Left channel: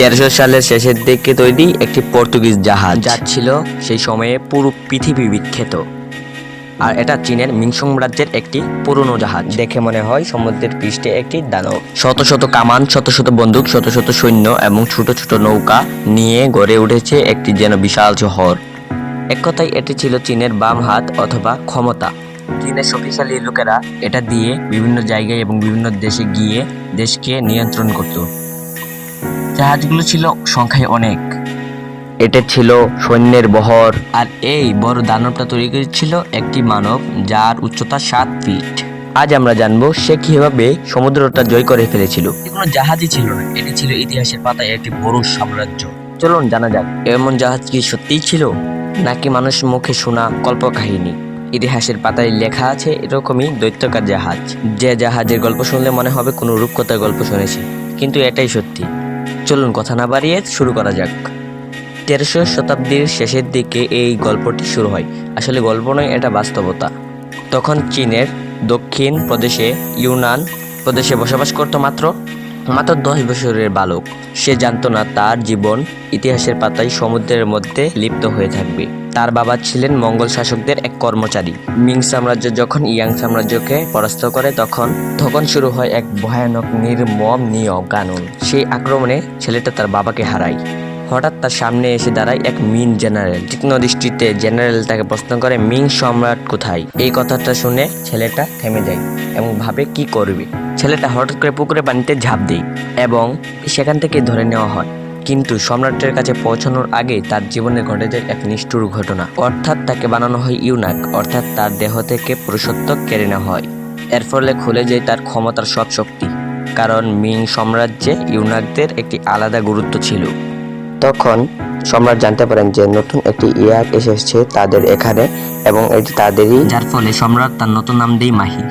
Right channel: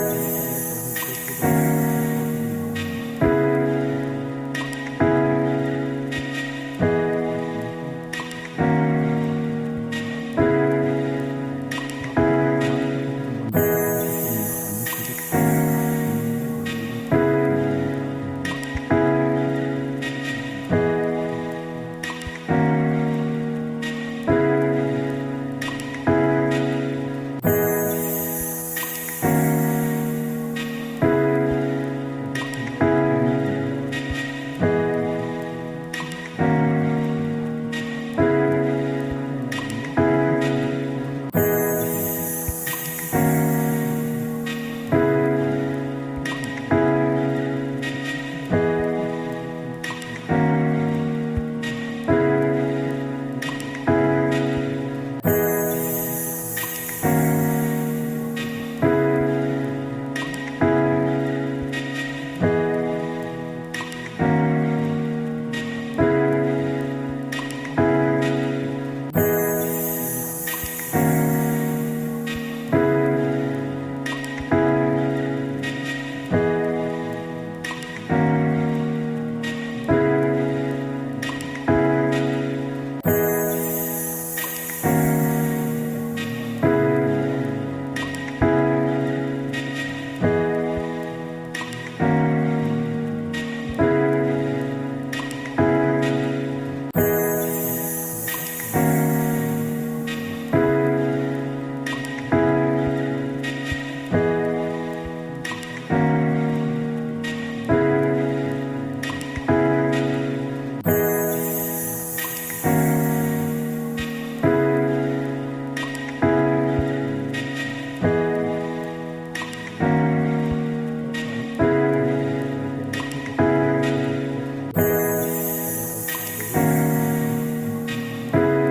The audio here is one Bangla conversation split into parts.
1300 সালের শেষের দিকে তৈরি একটি পর্তুগিজ জাহাজ, যা ছিল সেই সময়ে পুরো পৃথিবী বিখ্যাত। আর এটা চীনের মিং সাম্রাজ্যের একটি পুরনো জাহাজ। দেখে মনে হয় সমুদ্রের পৃষ্ঠে একটি দানব। শত শত কামান, শত শত বন্দুক, শত শত সৈন্য এবং ছোট ছোট নৌকা নিয়ে গড়ে উঠেছে একটি যেন বিশাল শহর। এক কথায় এটি ছিল চীনের বাম হাত অথবা ক্ষমতা। চীনের শক্তিশালী লোকেরা এটা দিয়ে বিভিন্ন জায়গায় এবং বিভিন্ন দেশে গিয়ে দেশকে নিয়ন্ত্রণ করত। জাহাজগুলো ছিল সংখ্যায় অনেক। এটা ছিল সৈন্যের বহর। আর এই বড় দানবটা তৈরি করেছিল একটি মানব, যার উচ্চতা 7 ফিট। আজ আমরা জানবো সে কিভাবে সমুদ্রটা জয় করে ফেলেছিল। কোনো জাহাজই ছিল না, এটি ছিল ইতিহাসের পাতায় একটি বড় সাম্রাজ্য। চলুন জানা যাক, এমন জাহাজ কি সত্যিই ছিল, নাকি মানুষ মুখে শোনা কল্পকাহিনী। ইতিহাসের পাতায় লেখা আছে এরকমই দৈত্যকার জাহাজ, যে জাহাজের গল্প শুনলে মনে হবে কোনো রূপকথার গল্প শুনেছি, কিন্তু এটাই সত্যি। চলুন কথা না বাড়িয়ে শুরু করা যাক। 1300 শতাব্দীর শেষের দিকে এই গল্পটি শুরু হয়। আসলে গল্প নয়, এটা বাস্তবতা। তখন চীনের দক্ষিণ প্রদেশে ইউনান প্রদেশে বসবাস করত মাত্র 10 বছরের বালক। সে জানতো না তার জীবন ইতিহাসের পাতায় সমুদ্রের মধ্যে লিপ্ত হয়ে থাকবে। তার বাবা ছিলেন মঙ্গল শাসকদের এক কর্মচারী। মিং সাম্রাজ্য যখন ইয়াং সাম্রাজ্যকে পরাস্ত করে তখন শুরু হয় এক ভয়ানক নির্মম নিয়ম-কানুন। সেই আক্রমণে ছেলেটা তার বাবাকে হারায়। হঠাৎ তার সামনে এসে দাঁড়ায় এক মিং জেনারেল। তীক্ষ্ণ দৃষ্টিতে জেনারেল তাকে প্রশ্ন করে, মিং সম্রাট কোথায়? এই কথাটা শুনে ছেলেটা থেমে যায় এবং ভাবে কি করবে। ছেলেটা হঠাৎ করে পুকুরে পানিতে ঝাঁপ দেয় এবং সেখান থেকে ধরে নেওয়া হয়। কিন্তু সম্রাটের কাছে পৌঁছানোর আগে তার জীবনে ঘটে যায় এক নিষ্ঠুর ঘটনা। অর্থাৎ তাকে বানানো হয় ইউনাক, অর্থাৎ তার দেহ থেকে পুরুষত্ব কেড়ে নেওয়া হয়। এর ফলে খুলে যায় তার ক্ষমতার সব শক্তি, কারণ মিং সাম্রাজ্যে ইউনাকদের একটি আলাদা গুরুত্ব ছিল। তখন সম্রাট জানতে পারেন যে নতুন একটি ইয়াক এসেছে তাদের এখানে এবং এটি তাদেরই, যার ফলে সম্রাট তার নতুন নাম দেয় মাহি।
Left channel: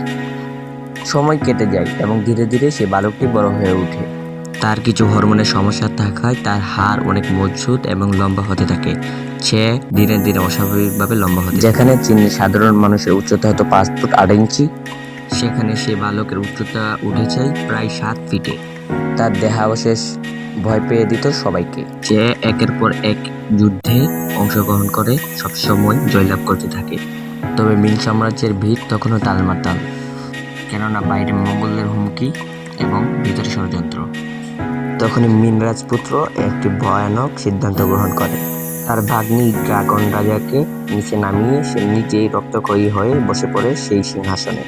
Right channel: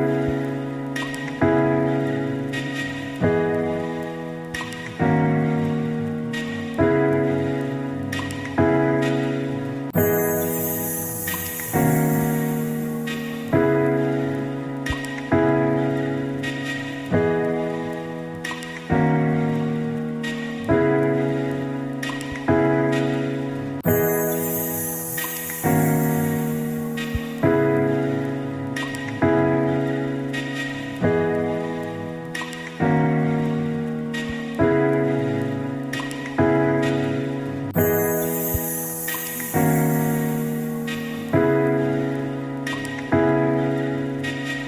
সময় কেটে যায় এবং ধীরে ধীরে সে বালকটি বড় হয়ে ওঠে। তার কিছু হরমোনের সমস্যা থাকায় তার হাড় অনেক মজবুত এবং লম্বা হতে থাকে। সে ধীরে ধীরে অস্বাভাবিকভাবে লম্বা হতে, যেখানে চীনের সাধারণ মানুষের উচ্চতা হতো 5 ফুট 8 ইঞ্চি, সেখানে সে বালকের উচ্চতা উঠেছে প্রায় 7 ফিটে। তার দেহাবশেষ ভয় পেয়ে দিত সবাইকে। সে একের পর এক যুদ্ধে অংশগ্রহণ করে সবসময় জয়লাভ করতে থাকে। তবে মিং সাম্রাজ্যের ভিড় তখনও টালমাটাল, কেননা বাইরে মঙ্গলদের হুমকি এবং ভিতরে ষড়যন্ত্র। তখনই মিং রাজপুত্র একটি ভয়ানক সিদ্ধান্ত গ্রহণ করে। তার ভাগ্নি ড্রাগন রাজাকে নিচে নামিয়ে সে নিজেই রক্তক্ষয়ী হয়ে বসে পড়ে সেই সিংহাসনে।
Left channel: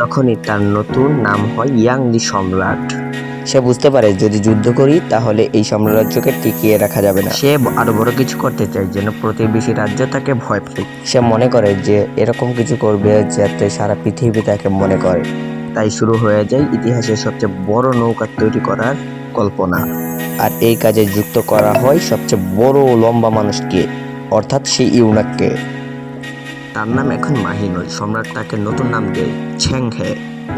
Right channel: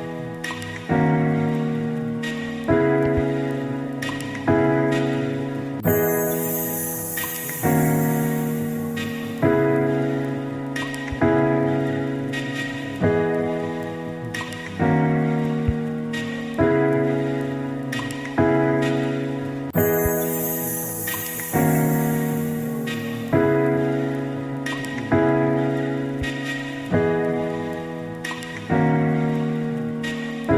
তখনই তার নতুন নাম হয় ইয়াং দি সম্রাট। সে বুঝতে পারে যদি যুদ্ধ করি তাহলে এই সাম্রাজ্যকে টিকিয়ে রাখা যাবে না। সে আরো বড় কিছু করতে চায় যেন প্রতিবেশী রাজ্য তাকে ভয় পায়। সে মনে করে যে এরকম কিছু করবে যাতে সারা পৃথিবী তাকে মনে করে। তাই শুরু হয়ে যায় ইতিহাসের সবচেয়ে বড় নৌকা তৈরি করার কল্পনা। আর এই কাজে যুক্ত করা হয় সবচেয়ে বড় লম্বা মানুষকে, অর্থাৎ সেই ইউনাককে। তার নাম এখন মাহি নয়, সম্রাট তাকে নতুন নাম দেয় ছেংহে।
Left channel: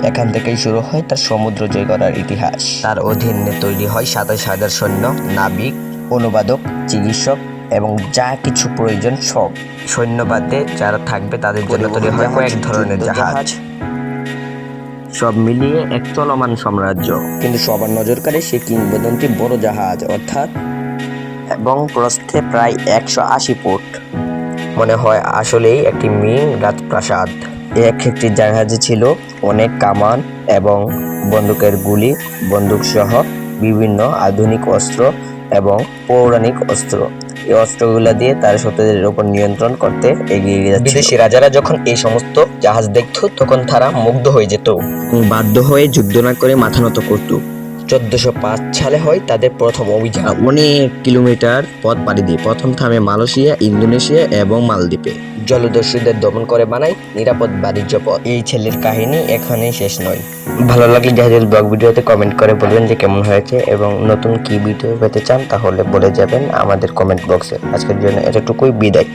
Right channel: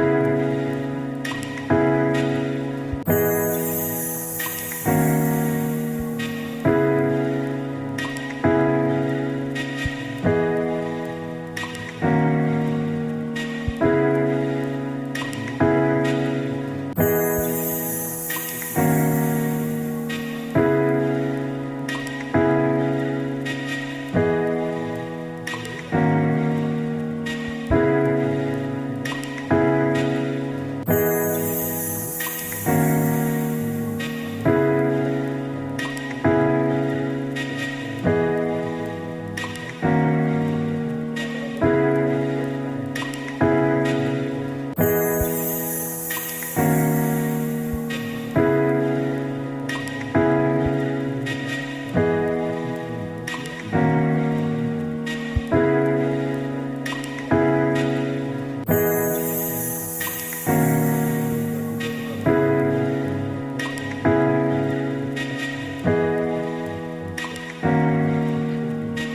এখান থেকেই শুরু হয় তার সমুদ্র জয় করার ইতিহাস। তার অধীনে তৈরি হয় 27,000 সৈন্য, নাবিক, অনুবাদক, চিকিৎসক এবং যা কিছু প্রয়োজন সব। সৈন্য বাদে যারা থাকবে তাদের জন্য তৈরি হয় কয়েক ধরনের জাহাজ। সব মিলিয়ে এক চলমান সাম্রাজ্য। কিন্তু সবার নজর কাড়ে সেই কিংবদন্তি বড় জাহাজ, অর্থাৎ এবং প্রস্থে প্রায় 180 ফুট। মনে হয় আসলেই একটি মিং রাজপ্রাসাদ। একটি জাহাজে ছিল অনেক কামান এবং বন্দুকের গুলি, বন্দুক সহ বিভিন্ন আধুনিক অস্ত্র এবং পৌরাণিক অস্ত্র। এই অস্ত্রগুলো দিয়ে তার শত্রুদের উপর নিয়ন্ত্রণ করতে এগিয়ে যাচ্ছে। বিদেশি রাজারা যখন এই সমস্ত জাহাজ দেখত তখন তারা মুগ্ধ হয়ে যেত, বাধ্য হয়ে যুদ্ধ না করে মাথা নত করত। 1405 সালে হয় তাদের প্রথম অভিযান। অনেক কিলোমিটার পথ পাড়ি দিয়ে প্রথম থামে মালয়েশিয়া, ইন্দোনেশিয়া এবং মালদ্বীপে। জলদস্যুদের দমন করে বানায় নিরাপদ বাণিজ্য পথ। এই ছেলের কাহিনী এখানেই শেষ নয়। ভালো লাগলে জাহাজের ব্লগ ভিডিওতে কমেন্ট করে বলবেন যে কেমন হয়েছে এবং নতুন কি ভিডিও পেতে চান তাহলে বলে যাবেন আমাদের কমেন্ট বক্সে। আজকের জন্য এতটুকুই, বিদায়।